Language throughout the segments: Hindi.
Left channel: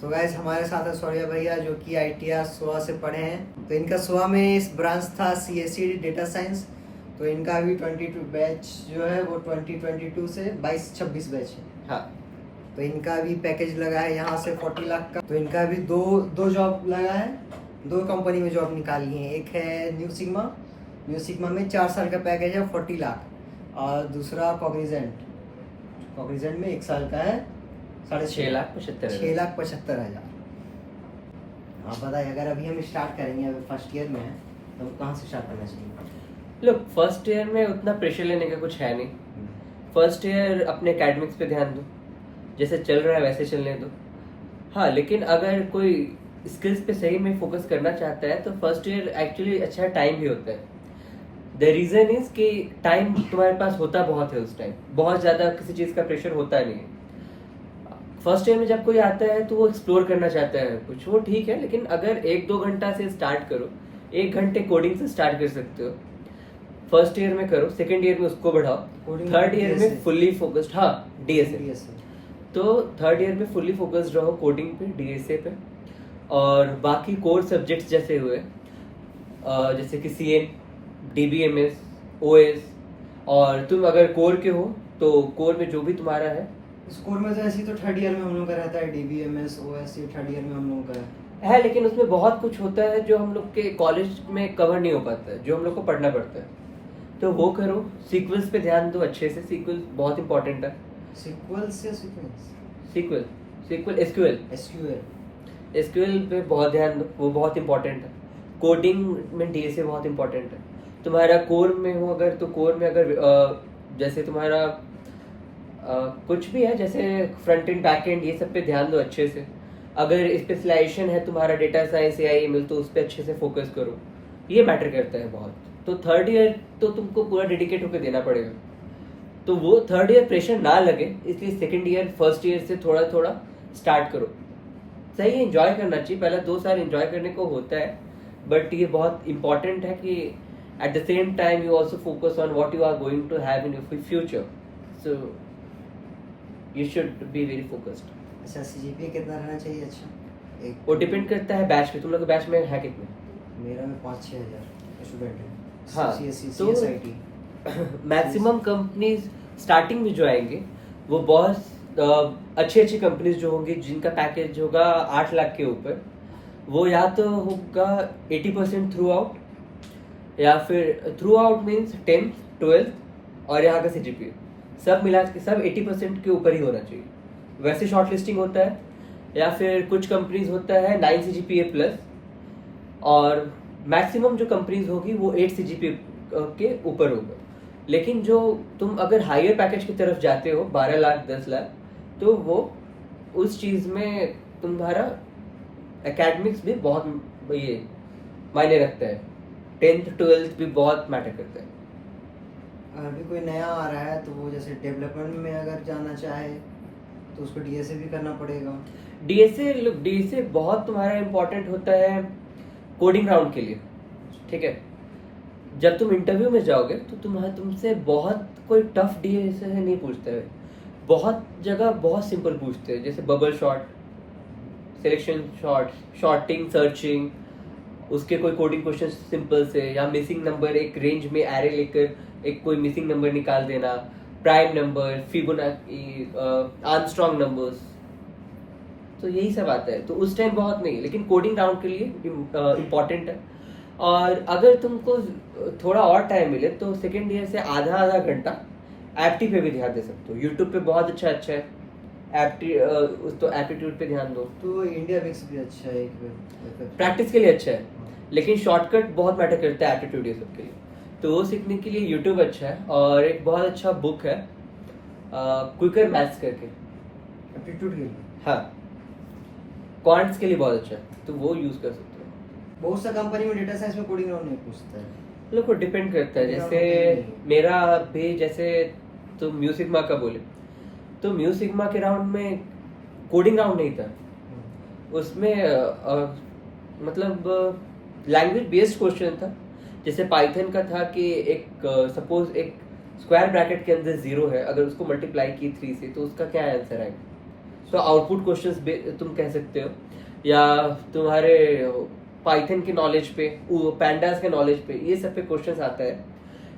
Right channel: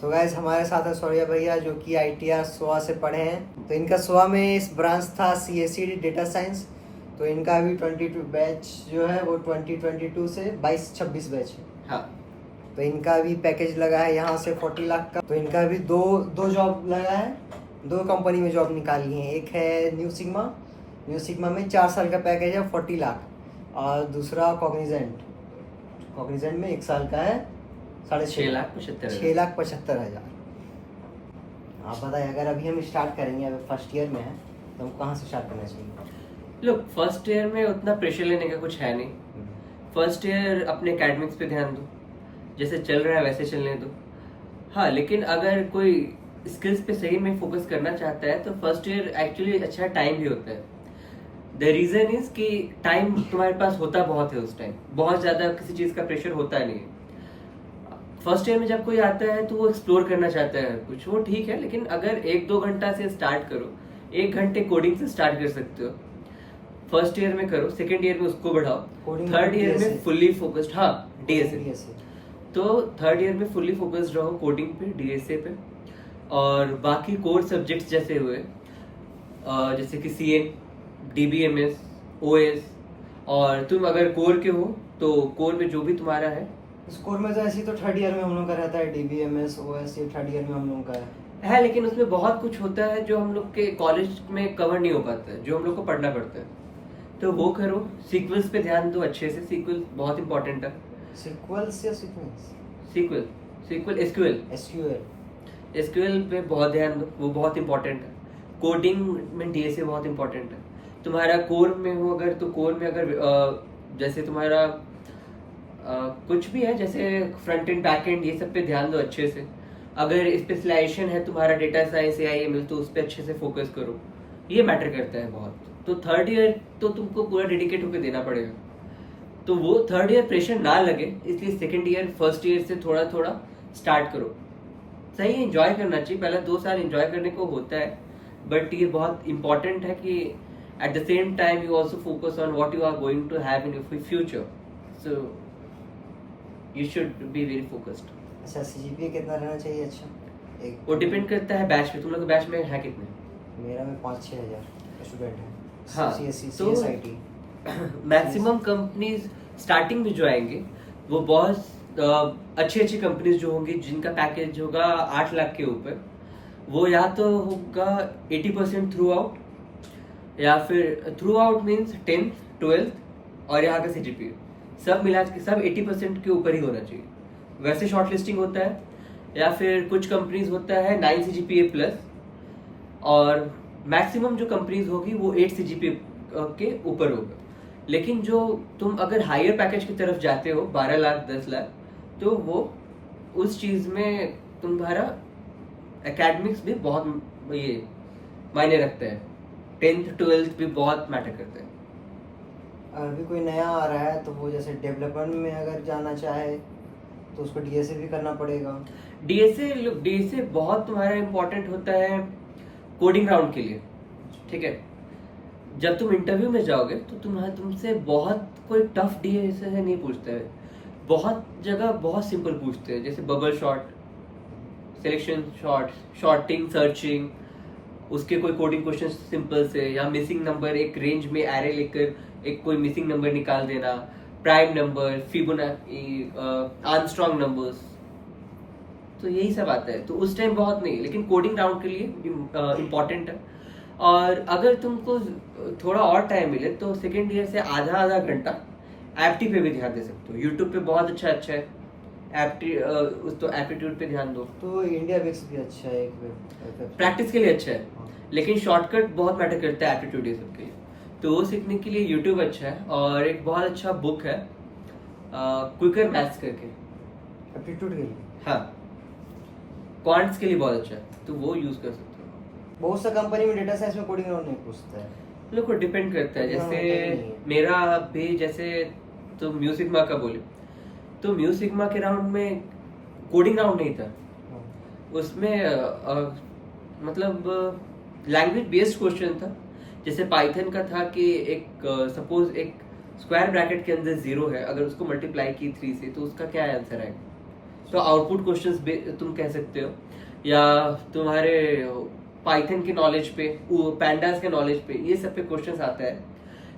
सो गाइस हमारे साथ है सौर्य भैया जो कि ITR SOA से पढ़े हैं। तो इनका SOA में इस ब्रांच था CSE डेटा साइंस। तो इनका अभी 22 बैच जो है वो 2022 से 22-26 बैच है। हाँ। तो इनका अभी पैकेज लगा है यहाँ से 40 लाख का। तो इनका अभी दो जॉब लगा है, 2 कंपनी में जॉब निकाली है। एक है न्यू सिग्मा में 4 साल का पैकेज है 40 लाख, और दूसरा कॉग्निजेंट में 1 साल का है 6,75,000। आप बताइए, अगर अभी हम स्टार्ट करेंगे, अभी फर्स्ट ईयर में है तो हम कहाँ से स्टार्ट करना चाहिए? लोग फर्स्ट ईयर में उतना प्रेशर लेने का कुछ है नहीं। फर्स्ट ईयर अपने एकेडमिक्स पे ध्यान दो, जैसे चल रहा है वैसे चलने दो। हाँ, लेकिन अगर कोई स्किल्स पे सही में फोकस करना चाहता है तो फर्स्ट ईयर एक्चुअली अच्छा टाइम भी होता है। द रीजन इज कि टाइम तुम्हारे पास होता बहुत है, उस टाइम बहुत ज्यादा किसी चीज का प्रेशर होता नहीं है। फर्स्ट ईयर में जब कोई आता है तो वो एक्सप्लोर करना चाहता है कुछ, वो ठीक है, लेकिन अगर 1-2 घंटा से स्टार्ट करो, 1 घंटे कोडिंग से स्टार्ट कर सकते हो। फर्स्ट ईयर में करो, सेकेंड ईयर में उसको बढ़ाओ, थर्ड ईयर में फुल्ली फोकस्ड। हाँ, DSA। तो थर्ड ईयर में फुल्ली फोकस्ड रहो कोडिंग पे, DSA पे। और बाकी कोर सब्जेक्ट्स जैसे हुए जैसे कि CN, DBMS, OS। और तुम अगर कोर के हो तो कोर में जो भी तुम्हारा है, स्कोर में तो ऐसे ही तो थर्ड ईयर में हम लोग का रहता है, DBMS OS ये थर्ड ईयर में हम लोगों का है, लेकिन उसमें बहुत कुछ होता है जो हम लोग के कॉलेज में कवर नहीं हो पाता है, जो हम लोग को पढ़ना पड़ता है। तो वो करो, सीक्वल्स पे ध्यान दो अच्छे से, सीक्वल बहुत इंपॉर्टेंट है। सीक्वल SQL पे बहुत ध्यान दो, वो बहुत इंपॉर्टेंट है। कोडिंग में DSA बहुत इंपॉर्टेंट है। तुम्हारा कोर में हो अगर, तो कोर में अगर जैसे तुम्हारा कुछ भी है, जैसे फ्रंट एंड बैक एंड, ये सब पे ध्यान दो अच्छे से। अगर स्पेशलाइजेशन है तुम्हारा डेटा साइंस या ML, तो उस पर अच्छे से फोकस करो, ये मैटर करता है बहुत। तो थर्ड ईयर तो तुमको पूरा डेडिकेट होकर देना पड़ेगा। तो वो थर्ड ईयर प्रेशर ना लगे, इसलिए सेकेंड ईयर फर्स्ट ईयर से थोड़ा थोड़ा स्टार्ट करो। सही एंजॉय करना चाहिए, पहला 2 साल एंजॉय करने को होता है, बट ये बहुत इंपॉर्टेंट है कि at the same time you also focus on what you are going to have in your future. So you should be very focused। अच्छा, CGPA कितना रहना चाहिए? अच्छा, वो डिपेंड करता है बैच पे। तुम लोग बैच में है कितने? मेरा में 5-6 हज़ार स्टूडेंट है। हाँ, तो मैक्सिमम कंपनीज स्टार्टिंग में जो आएंगे वो बहुत अच्छी अच्छी कंपनीज जो होंगी, जिनका पैकेज होगा 8 लाख के ऊपर, वो या तो होगा 80% थ्रू आउट, या फिर through out means 10th 12th और यहाँ का CGPA सब मिला के सब 80% के ऊपर ही होना चाहिए। वैसे शॉर्ट लिस्टिंग होता है, या फिर कुछ कंपनीज होता है 9 CGPA प्लस, और मैक्सिमम जो कंपनीज होगी वो 8 CGPA के ऊपर होगा। लेकिन जो तुम अगर हायर पैकेज की तरफ जाते हो 12 लाख 10 लाख, तो वो उस चीज में तुम्हारा एकेडमिक्स भी बहुत ये मायने रखता है। 10th 12th भी बहुत मैटर करता है। अभी कोई नया आ रहा है तो वो जैसे डेवलपमेंट में अगर जाना चाहे तो उसको DSA भी करना पड़ेगा। DSA बहुत तुम्हारा इंपॉर्टेंट होता है कोडिंग राउंड के लिए, ठीक है। जब तुम इंटरव्यू में जाओगे तो तुमसे बहुत कोई टफ DSA नहीं पूछता है, बहुत जगह बहुत सिंपल पूछते हैं, जैसे bubble sort, selection sort, sorting, searching, उसके कोई कोडिंग क्वेश्चन सिंपल से, या मिसिंग नंबर, एक रेंज में एरे लेकर एक कोई मिसिंग नंबर निकाल देना, prime number, Fibonacci, Armstrong numbers, तो यही सब आता है। तो उस टाइम बहुत नहीं, लेकिन कोडिंग राउंड के लिए इम्पॉर्टेंट है। और अगर तुमको थोड़ा और टाइम मिले तो सेकेंड ईयर से आधा घंटा एप्टी पे भी ध्यान दे सकते हो। यूट्यूब पे बहुत अच्छा है तो एप्टीट्यूड पे ध्यान दो। तो इंडिया बेक्स भी अच्छा है, प्रैक्टिस के लिए अच्छा है, लेकिन शॉर्टकट बहुत मैटर करता है एप्टीट्यूड ये सब के लिए। तो वो सीखने के लिए यूट्यूब अच्छा है, और एक बहुत अच्छा बुक है क्विकर मैथ्स करके, एप्टीट्यूड के लिए। हाँ, क्वांट्स के लिए बहुत अच्छा है, तो वो यूज कर सकते हो। बहुत सा कंपनी में डेटा साइंस में कोडिंग राउंड नहीं पूछता है। लोग को डिपेंड करता है, जैसे मेरा भी, जैसे तो म्यूजिकमा का बोले तो म्यूजिकमा के राउंड में कोडिंग राउंड नहीं था। उसमें मतलब लैंग्वेज बेस्ड क्वेश्चन था। जैसे पाइथन का था कि एक सपोज एक स्क्वायर ब्रैकेट के अंदर 0 है, अगर उसको मल्टीप्लाई की 3 से तो उसका क्या आंसर आएगा। सो आउटपुट क्वेश्चंस तुम कह सकते हो, या तुम्हारे पाइथन की नॉलेज पे, पैंडास के नॉलेज पे, ये सब पे क्वेश्चंस आता है।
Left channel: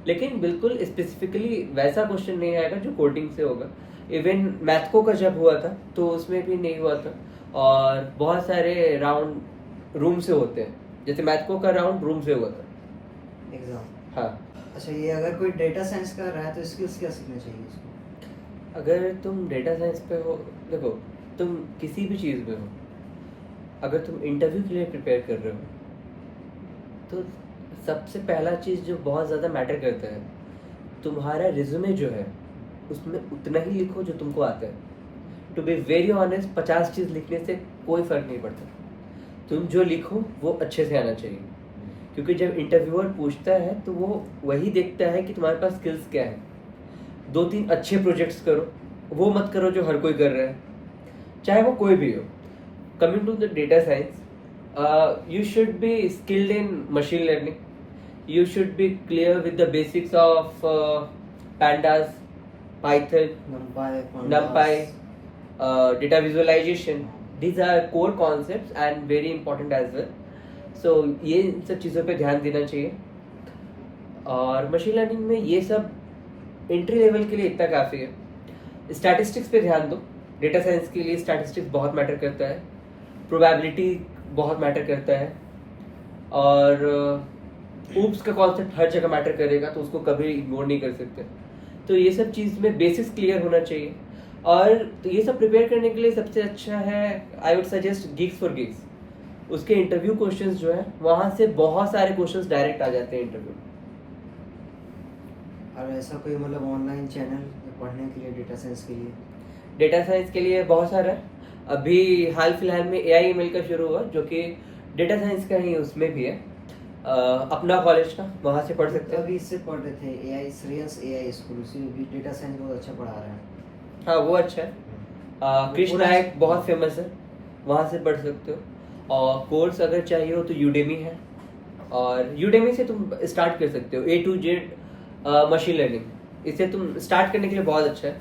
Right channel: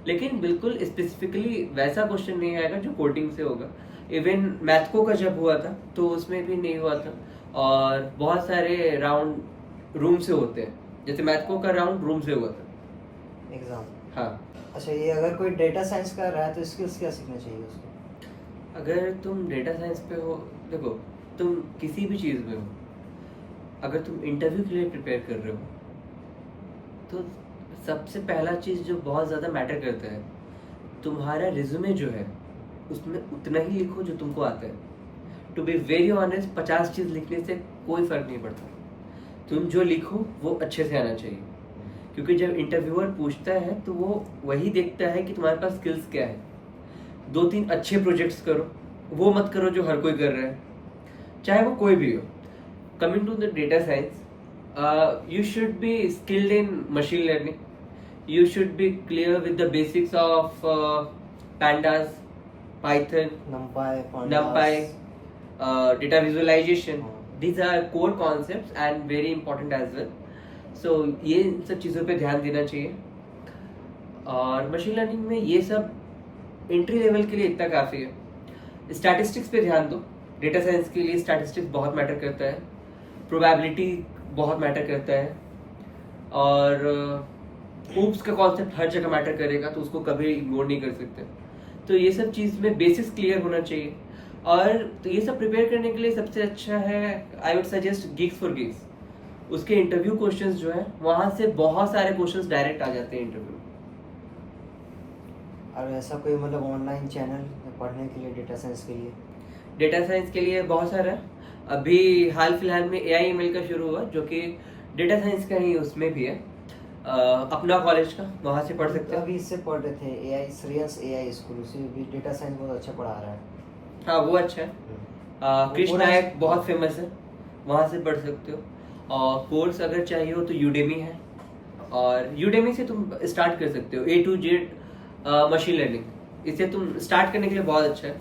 लेकिन बिल्कुल स्पेसिफिकली वैसा क्वेश्चन नहीं आएगा जो कोडिंग से होगा। इवन मैथको का जब हुआ था तो उसमें भी नहीं हुआ था, और बहुत सारे राउंड रूम से होते हैं, जैसे मैथको का राउंड रूम से हुआ था एग्जाम। हाँ। अच्छा, ये अगर कोई डेटा साइंस कर रहा है तो स्किल्स क्या सीखना चाहिए उसको? अगर तुम डेटा साइंस पे हो, देखो तुम किसी भी चीज़ में हो, अगर तुम इंटरव्यू के लिए प्रिपेयर कर रहे हो तो सबसे पहला चीज़ जो बहुत ज़्यादा मैटर करता है, तुम्हारा रिज्यूमे जो है उसमें उतना ही लिखो जो तुमको आता है। टू बी वेरी ऑनेस्ट, 50 चीज़ लिखने से कोई फ़र्क नहीं पड़ता। तुम जो लिखो वो अच्छे से आना चाहिए, क्योंकि जब इंटरव्यूअर पूछता है तो वो वही देखता है कि तुम्हारे पास स्किल्स क्या है। 2-3 अच्छे प्रोजेक्ट्स करो, वो मत करो जो हर कोई कर रहा है, चाहे वो कोई भी हो। Coming to the data science, you should be skilled in machine learning. You should be clear with the basics of pandas, Python, NumPy, data visualization. These are core concepts and very important as well. So ये इन सब चीज़ों पे ध्यान देना चाहिए। और मशीन लर्निंग में ये सब एंट्री लेवल के लिए इतना काफ़ी है। स्टैटिस्टिक्स पे ध्यान दो। डेटा साइंस के लिए स्टैटिस्टिक्स बहुत मैटर करता है, प्रोबेबिलिटी बहुत मैटर करता है, और ऊप्स का कॉन्सेप्ट हर जगह मैटर करेगा, तो उसको कभी इग्नोर नहीं कर सकते। तो ये सब चीज़ में बेसिस क्लियर होना चाहिए। और तो ये सब प्रिपेयर करने के लिए सबसे अच्छा है, I would suggest gigs for gigs. उसके इंटरव्यू क्वेश्चंस जो है वहाँ से बहुत सारे क्वेश्चंस डायरेक्ट आ जाते हैं इंटरव्यू। और ऐसा कोई मतलब ऑनलाइन चैनल पढ़ने के लिए डेटा साइंस के लिए? डेटा साइंस के लिए बहुत सारा, अभी हाल फिलहाल में AI/ML का शुरू हुआ, जो कि डेटा साइंस का ही उसमें भी है। अपना कॉलेज का, वहाँ से पढ़ सकते हैं। अभी इससे पढ़ रहे थे AI श्रेयस AI स्कूल, उसी भी डेटा साइंस बहुत अच्छा पढ़ा रहा है। हाँ वो अच्छा है। कृष्ण नायक बहुत फेमस है, वहाँ से पढ़ सकते हो। और कोर्स अगर चाहिए हो तो यूडेमी है, और यूडेमी से तुम स्टार्ट कर सकते हो A to Z machine learning. इसे तुम स्टार्ट करने के लिए बहुत अच्छा है।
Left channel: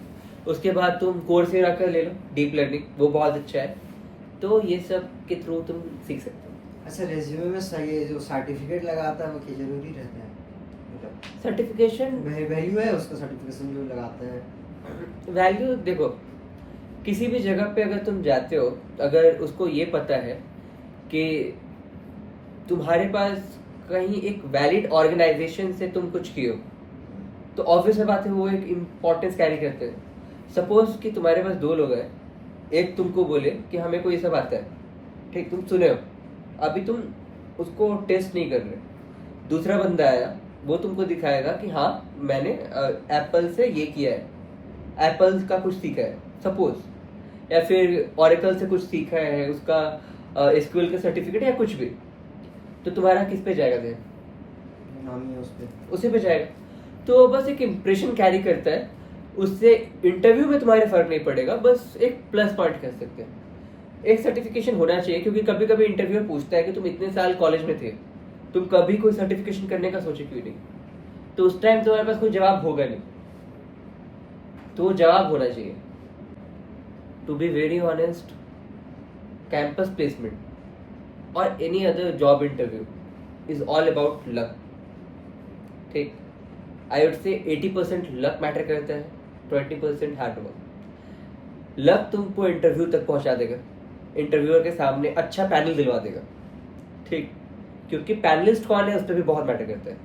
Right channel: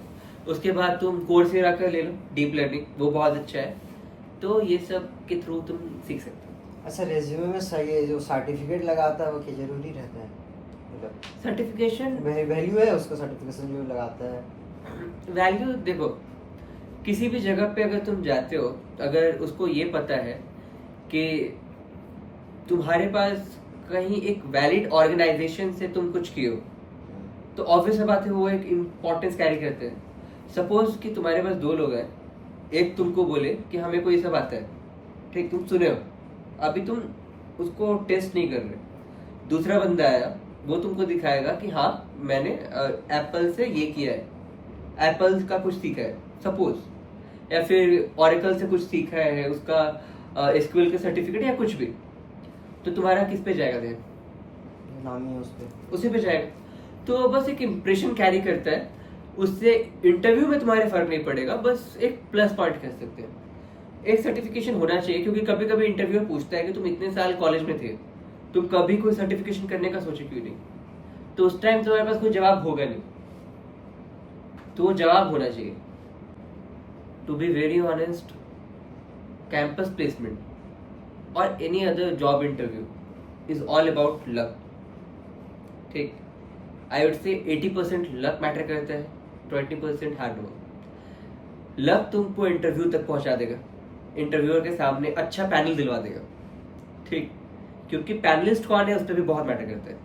उसके बाद तुम कोर्सेरा कर ले लो, डीप लर्निंग, वो बहुत अच्छा है। तो ये सब के थ्रू तुम सीख सकते हो। अच्छा, रेज्यूमे में सर ये जो सर्टिफिकेट लगाता है वो क्या जरूरी रहता है? मतलब सर्टिफिकेशन वैल्यू है उसका, सर्टिफिकेशन जो लगाता है? वैल्यू देखो, किसी भी जगह पे अगर तुम जाते हो, अगर उसको ये पता है कि तुम्हारे पास कहीं एक वैलिड ऑर्गेनाइजेशन से तुम कुछ किए हो, तो ऑब्वियस बात है वो एक इम्पोर्टेंस कैरी करते हैं। सपोज कि तुम्हारे पास 2 लोग हैं, एक तुमको बोले कि हमें को ये सब आता है, ठीक, तुम सुने हो, अभी तुम उसको टेस्ट नहीं कर रहे। दूसरा बंदा आया, वो तुमको दिखाएगा कि हाँ मैंने एप्पल से ये किया है, एप्पल का कुछ सीखा है सपोज, या फिर ऑरेकल से कुछ सीखा है, उसका एसक्यूएल का सर्टिफिकेट या कुछ भी, तो तुम्हारा किस पे जाएगा ध्यान? नाम ही उस पे, उसी पे जाएगा। तो बस एक इम्प्रेशन कैरी करता है, उससे इंटरव्यू में तुम्हारे फर्क नहीं पड़ेगा, बस एक प्लस पॉइंट कह सकते हैं। एक सर्टिफिकेशन होना चाहिए, क्योंकि कभी कभी इंटरव्यू पूछता है कि तुम इतने साल कॉलेज में थे, तुम कभी कोई सर्टिफिकेशन करने का सोचे क्यों नहीं? तो उस टाइम तुम्हारे पास कोई जवाब होगा नहीं, तो जवाब होना चाहिए। To be very honest, campus placement और any other job interview is all about luck, ठीक। I would say 80% luck matter करता है, 20% हार्ड वर्क। लक तुमको इंटरव्यू तक पहुंचा देगा, इंटरव्यूअर के सामने अच्छा पैनल दिलवा देगा, ठीक, क्योंकि पैनलिस्ट कौन है उस पर भी बहुत मैटर करता है।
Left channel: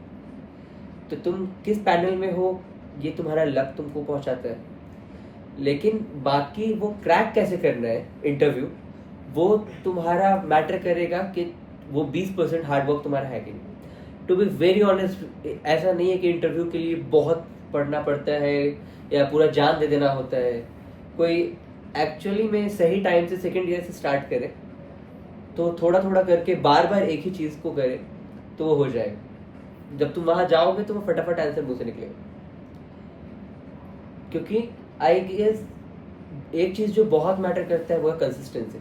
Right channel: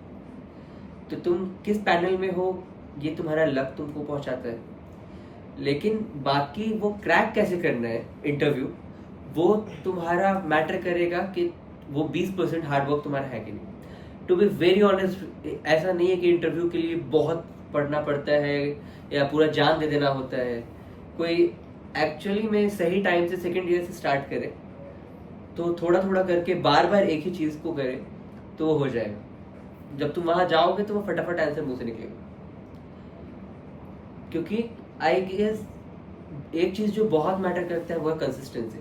तो तुम किस पैनल में हो ये तुम्हारा लक तुमको पहुंचाता है, लेकिन बाकी वो क्रैक कैसे करना है इंटरव्यू, वो तुम्हारा मैटर करेगा कि वो 20% हार्डवर्क तुम्हारा है कि नहीं। टू बी वेरी ऑनेस्ट, ऐसा नहीं है कि इंटरव्यू के लिए बहुत पढ़ना पड़ता है या पूरा जान दे देना होता है। कोई एक्चुअली में सही टाइम से सेकेंड ईयर से स्टार्ट करे, तो थोड़ा थोड़ा करके बार बार एक ही चीज़ को करे तो वो हो जाएगा। जब तुम वहां जाओगे तो वो फटाफट आंसर मुंह से निकलेगा। क्योंकि आई गेस एक चीज़ जो बहुत मैटर करता है वो है consistency.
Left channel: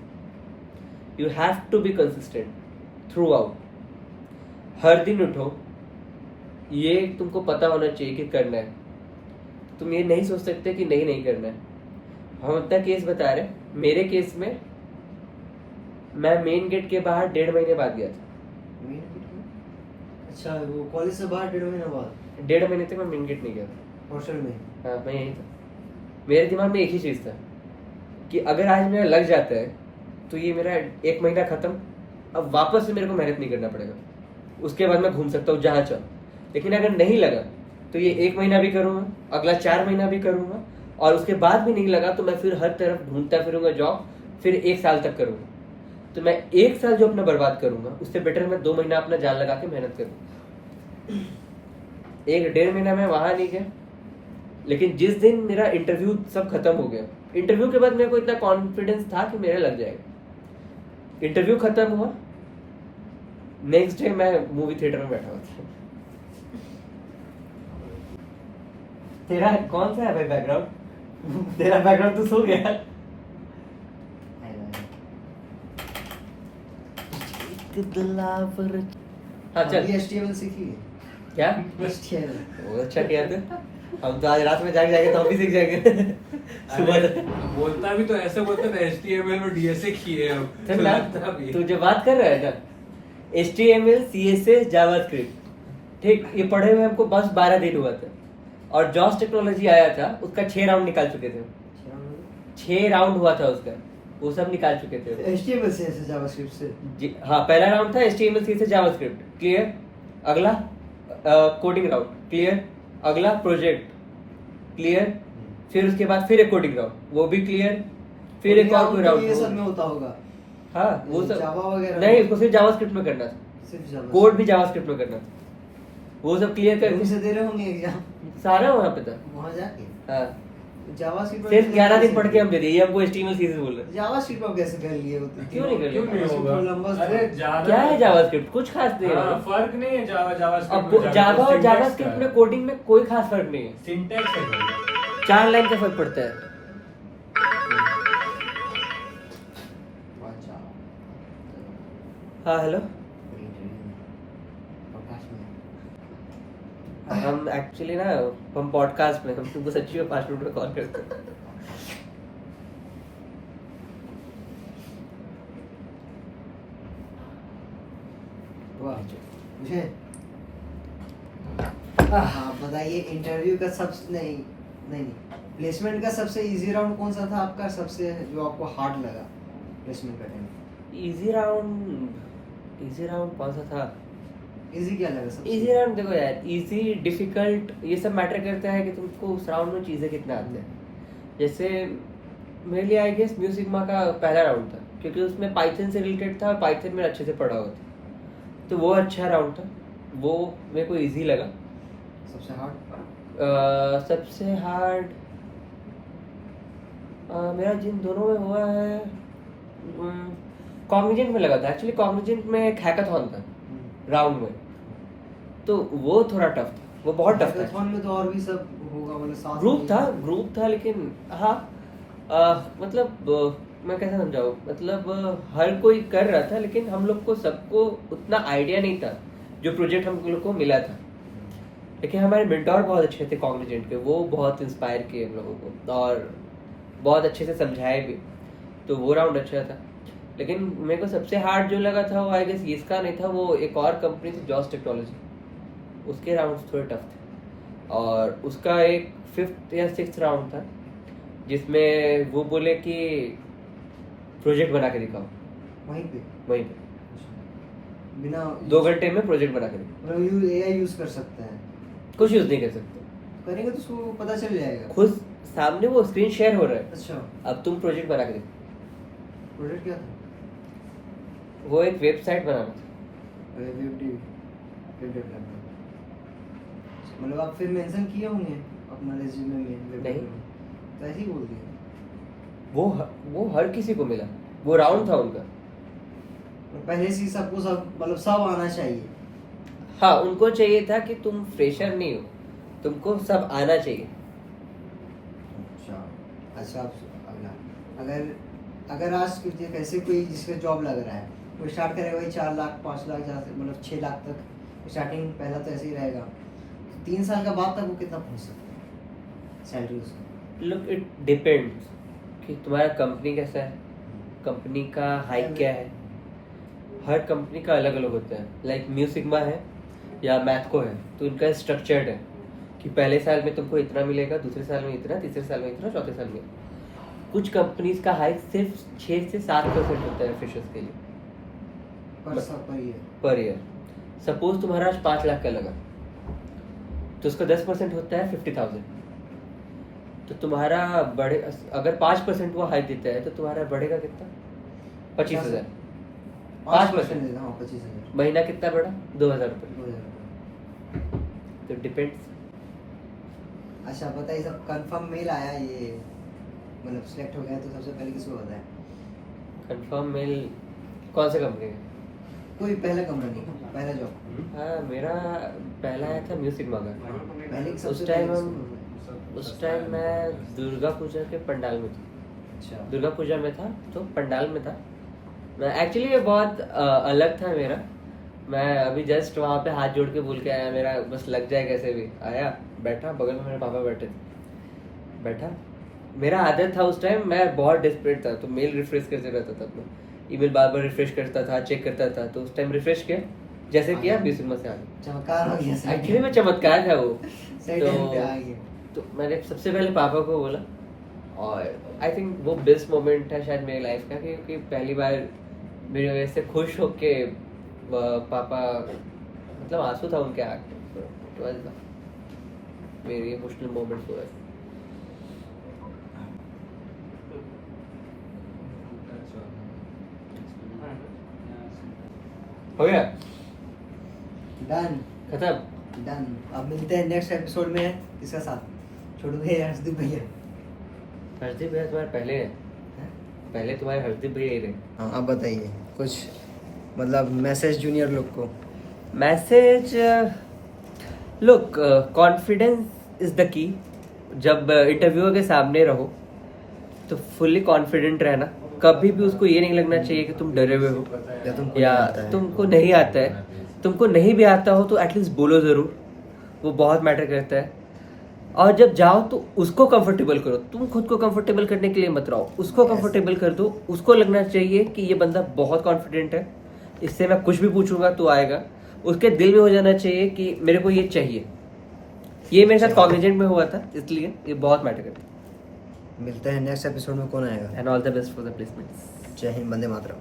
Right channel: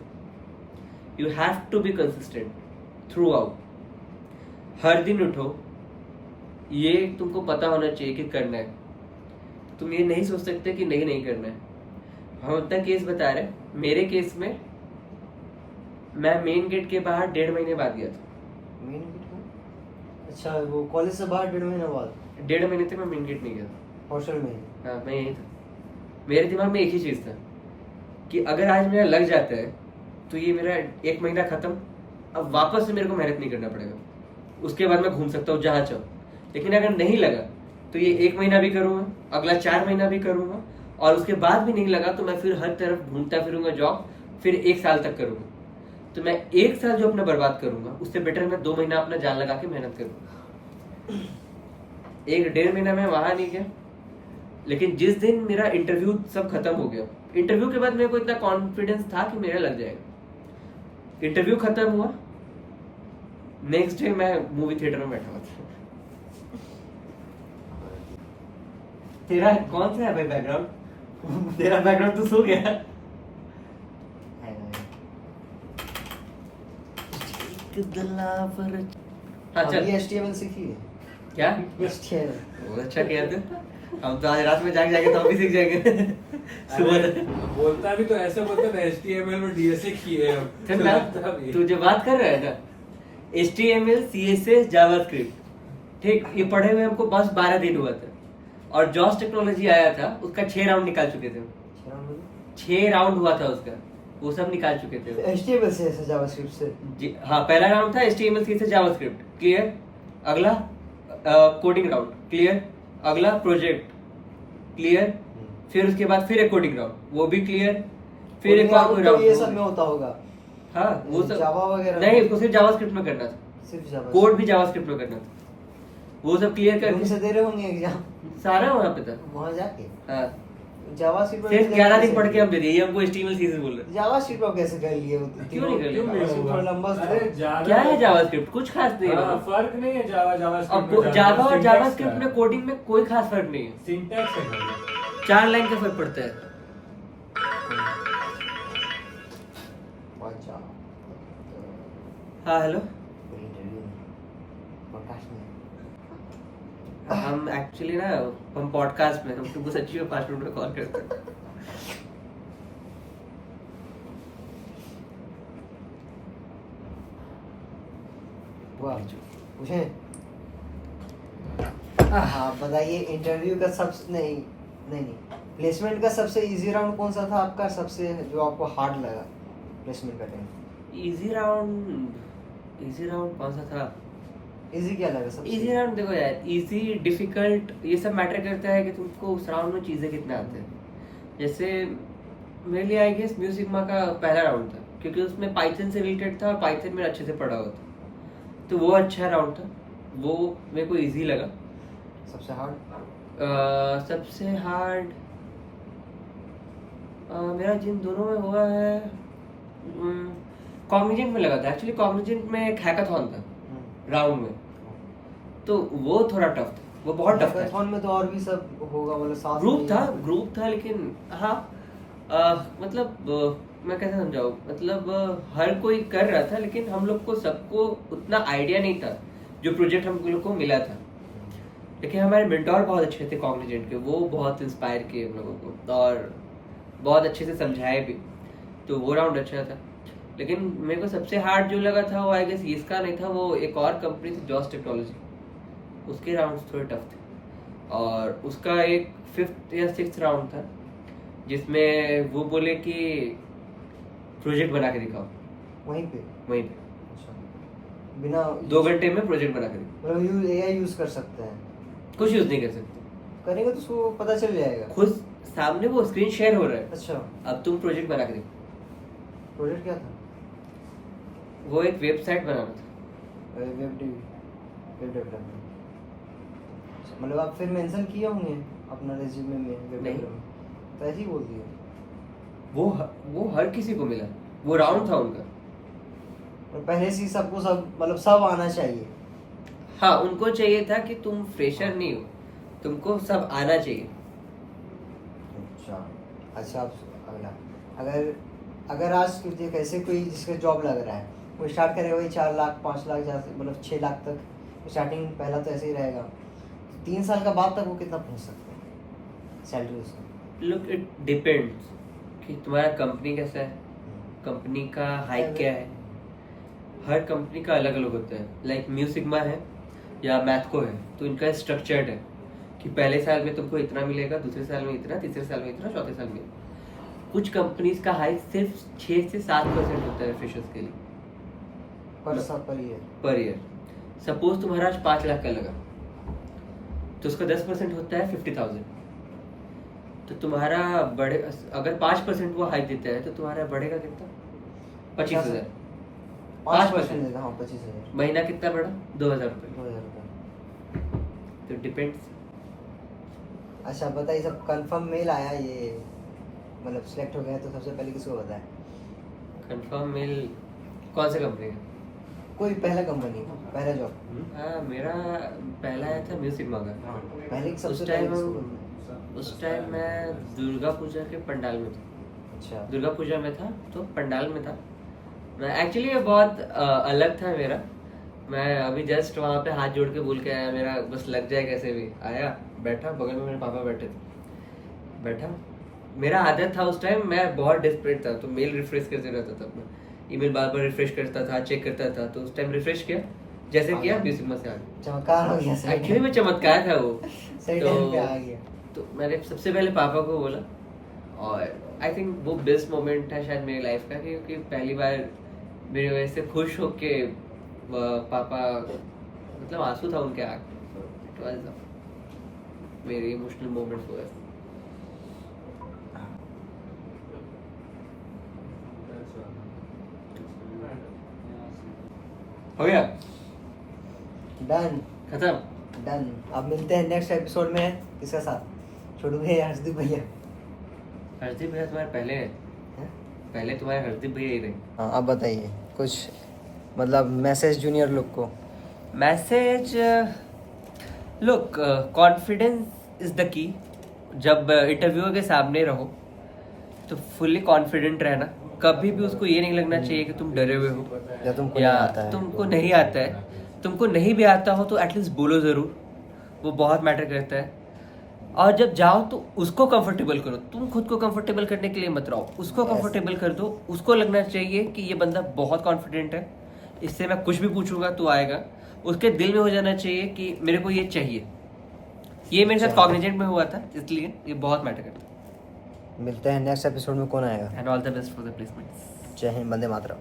You have to be consistent throughout. हर दिन उठो, ये तुमको पता होना चाहिए कि करना है। तुम ये नहीं सोच सकते कि नहीं करना है। हम अपना केस बता रहे हैं, मेरे केस में मैं मेन गेट के बाहर 1.5 महीने बाद गया था। अच्छा, वो कॉलेज से बाहर 1.5 महीने बाद? 1.5 महीने तक मैं मेन गेट नहीं गया। हॉस्टल में? हाँ, मैं यहीं था। मेरे दिमाग में एक ही चीज़ था कि अगर आज मेरा लग जाता है तो ये मेरा 1 महीना खत्म, अब वापस से मेरे को मेहनत नहीं करना पड़ेगा, उसके बाद मैं घूम सकता हूँ जहाँ चाहूँ। लेकिन अगर नहीं लगा तो ये 1 महीना भी करूँगा, अगला 4 महीना भी करूँगा, और उसके बाद भी नहीं लगा तो मैं फिर हर तरफ ढूंढता फिरूंगा जॉब, फिर 1 साल तक करूँगा। तो मैं 1 साल जो अपना बर्बाद करूँगा उससे बेटर मैं 2 महीना अपना जान लगा के मेहनत करूँगा। 1-1.5 महीना मैं वहाँ नहीं गया, लेकिन जिस दिन मेरा इंटरव्यू सब खत्म हो गया, इंटरव्यू के बाद मेरे को इतना कॉन्फिडेंस था कि मेरा लग जाएगा। इंटरव्यू खत्म हुआ, नेक्स्ट डे मैं मूवी थिएटर में बैठा हुआ था। तेरा कौन सा है भाई बैकग्राउंड? तेरा बैकग्राउंड तो सो गया। हाँ चल, अभी HTML सीखी है क्या? HTML? बहुत अच्छा किया तू। हम तो आज रात में जाके तो हम भी सीख जाएंगे सुबह तक। बोलता भी तो ऐसे बोलते थे HTML में DSA किए हैं। सुन ना, तू जो बात कर रहा है ना, HTML, CSS, जावास्क्रिप्ट, ठीक, ये पढ़े हुए हमको बस 12 दिन हुआ था, और जॉस टेक्नोलॉजी आया था, उसका 6 राउंड निकाल चुके थे। 6 राउंड हुआ था उसका, वो सब निकाल चुके थे। HTML से जावास्क्रिप्ट से? जी हाँ, पहला राउंड था HTML, CSS, जावास्क्रिप्ट, क्लियर। अगला कोडिंग राउंड, क्लियर। अगला प्रोजेक्ट, क्लियर। फिर उसके बाद फिर एक कोडिंग राउंड, वो भी क्लियर। फिर एक और कोई राउंड। ये सब में होता होगा? हाँ, वो सब जावा वगैरह नहीं, उसको सिर्फ जावास्क्रिप्ट में करना था, सिर्फ जावा? कोड भी जावास्क्रिप्ट में करना था, वो सब क्लियर रूम करके से दे रहे होंगे एग्जाम सारा वहाँ पे था। वहां जाके? हाँ, जावास्क्रिप्ट सिर्फ 11 दिन पढ़ के हम दे दिए, ये हमको HTML, CSS बोल रहे। जावास्क्रिप्ट आप कैसे कर लिए? क्यों नहीं कर लिए? थोड़ा लंबा अरे क्या है जावास्क्रिप्ट? कुछ खास नहीं है हाँ, मतलब। फर्क नहीं है जावा अब जावा और जावास्क्रिप्ट में कोडिंग में कोई खास फर्क नहीं है, सिंटैक्स है खाली। 4 लाइन का फर्क पड़ता है। हाँ हेलो, हम एक्चुअली ना, हम पॉडकास्ट में, हम तुमको सच्ची में 5 मिनट में कॉल करते हैं। मुझे हाँ बताइए, इंटरव्यू का सबसे नहीं प्लेसमेंट का सबसे इजी राउंड कौन सा था आपका, सबसे जो आपको हार्ड लगा प्लेसमेंट का टाइम? इजी राउंड कौन सा था? इजी क्या लगा सबसे? इजी राउंड देखो यार, इजी डिफिकल्ट ये सब मैटर करता है कि तुमको उस राउंड में चीज़ें कितना आते हैं। जैसे मेरे लिए आई गेस म्यूजिक सिग्मा का पहला राउंड था, क्योंकि उसमें पाइथन से रिलेटेड था और पाइथन में अच्छे से पढ़ा हुआ था, तो वो अच्छा राउंड था, वो मेरे को इजी लगा। सबसे हार्ड? सबसे हार्ड मेरा जिन दोनों में हुआ है, कॉग्निजेंट में लगा था। एक्चुअली कॉग्निजेंट में एक हैकाथॉन था राउंड में, तो वो थोड़ा टफ था, वो बहुत टफ था। हैकाथॉन में तो और भी सब होगा, मतलब साथ ग्रुप था, लेकिन हाँ मतलब मैं कैसे समझाऊँ, मतलब हर कोई कर रहा था, लेकिन हम लोग को सबको उतना आइडिया नहीं था जो प्रोजेक्ट हम लोग को मिला था। लेकिन हमारे मेंटोर बहुत अच्छे थे कॉग्निजेंट के, वो बहुत इंस्पायर किए हम लोगों को और बहुत अच्छे से समझाए भी, तो वो राउंड अच्छा था। लेकिन मेरे को सबसे हार्ड जो लगा था वो आई गेस इसका नहीं था, वो एक और कंपनी थी जॉस टेक्नोलॉजी, उसके राउंड थोड़े टफ थे, और उसका एक 5th या 6th राउंड था जिसमें वो बोले कि प्रोजेक्ट बना के दिखाओ वहीं पे। अच्छा, बिना 2 घंटे में प्रोजेक्ट बना के दिखाओ। मतलब AI यूज कर सकते हैं? कुछ यूज नहीं कर सकते, करेंगे तो उसको पता चल जाएगा, खुद सामने वो स्क्रीन शेयर हो रहा है। अच्छा, अब तुम प्रोजेक्ट बना के दिखाओ। प्रोजेक्ट क्या था? वो एक वेबसाइट बनाना था। Web development. मतलब आप फिर मेंशन किए होंगे अपना रेज्यूमे में वेब नहीं। डेवलपमेंट, तो ऐसे ही बोल दिया? वो हर किसी को मिला, वो राउंड था उनका। और पहले से ही सबको मतलब सब आना चाहिए? हाँ, उनको चाहिए था कि तुम फ्रेशर नहीं हो, तुमको सब आना चाहिए। अच्छा अब अगला, अगर आज तुझे कैसे कोई जिसका जॉब लग रहा है, वो स्टार्ट करे वही 4 लाख 5 लाख मतलब 6 लाख तक स्टार्टिंग, पहला तो ऐसे ही रहेगा, 3 साल का बाद तक वो कितना पहुंच सकते हैं सैलरी उसका? लुक, इट डिपेंड्स कि तुम्हारा कंपनी कैसा है, कंपनी का हाइक क्या है। हर कंपनी का अलग अलग होता है। लाइक म्यू सिग्मा है या मैथको है, तो इनका स्ट्रक्चर्ड है कि पहले साल में तुमको इतना मिलेगा, दूसरे साल में इतना, तीसरे साल में इतना, चौथे साल में। कुछ कंपनीज का हाइक सिर्फ 6 से 7% होता है फ्रेशर्स के लिए पर ईयर। सपोज तुम्हारा आज 5 लाख का लगा, तो उसका 10% होता है 50,000। तो तुम्हारा बढ़े, अगर 5% वो हाइक देता है तो तुम्हारा बढ़ेगा कितना? 25,000। 5% देगा, हाँ 25,000। महीना कितना बढ़ा? 2,000 रुपये। 2,000 तो डिपेंड्स। अच्छा बताइए, सब कंफर्म मेल आया ये, मतलब सिलेक्ट हो गया तो सबसे पहले किसको बताया? कंफर्म मेल कौन से कंपनी का? कोई पहला कंपनी, पहला जॉब। हाँ, मेरा पहला आया था म्यू सिग्मा का। पहले उस सबसे टाइम पहले हम किसको? उस टाइम मैं दुर्गा पूजा के पंडाल में था। अच्छा, दुर्गा पूजा में था तो पंडाल में था मैं। एक्चुअली ये बहुत अलग था मेरा। मैं अभी जस्ट वहाँ पे हाथ जोड़ के बोल के आया, मेरा बस लग जाए कैसे भी। आया, बैठा, बगल में मेरे पापा बैठे थे, बैठा। मेरा आदत था उस टाइम, मैं बहुत डिस्परेट था, तो मेल रिफ्रेश करते रहता था। मैं ईमेल बार बार रिफ्रेश करता था, चेक करता था। तो उस टाइम रिफ्रेश किया, जैसे किया म्यू सिग्मा से आ गया। चमत्कार हो गया। एक्चुअली में चमत्कार था वो। सही टाइम पे आ गया। तो मैंने सबसे पहले पापा को बोला, और आई थिंक वो बेस्ट मोमेंट था शायद मेरी लाइफ का, क्योंकि पहली बार मेरी वजह से खुश होके पापा, मतलब आंसू था उनके आंख में। It was very emotional moment for us. हो गया, डन खत्म। डन। अब मिलते हैं नेक्स्ट एपिसोड में इसका साथ, छोटू भैया, हर्षदीप भैया। हरदीप भैया तुम्हारे पहले हैं? पहले तुम्हारे हरदीप भैया ही रहे। हाँ, अब बताइए कुछ, मतलब मैसेज जूनियर लोग को। Message, look, confidence is the key. जब इंटरव्यूअर के सामने रहो तो फुल्ली कॉन्फिडेंट रहना। कभी भी उसको ये नहीं लगना चाहिए कि तुम डरे हुए हो या तुमको नहीं आता है। तुमको नहीं भी आता हो तो एटलीस्ट बोलो ज़रूर, वो बहुत मैटर करता है। और जब जाओ तो उसको कंफर्टेबल करो। तुम खुद को कंफर्टेबल करने के लिए मत रहो, उसको कंफर्टेबल कर दो। उसको लगना चाहिए कि ये बंदा बहुत कॉन्फिडेंट है, इससे मैं कुछ भी पूछूंगा तो आएगा। उसके दिल में हो जाना चाहिए कि मेरे को ये चाहिए। ये मेरे साथ कॉग्निजेंट में हुआ था, इसलिए ये बहुत मैटर करता है। मिलते हैं नेक्स्ट एपिसोड में, कौन आएगा? And all the best for the placement. जय हिंद, वंदे मातरम।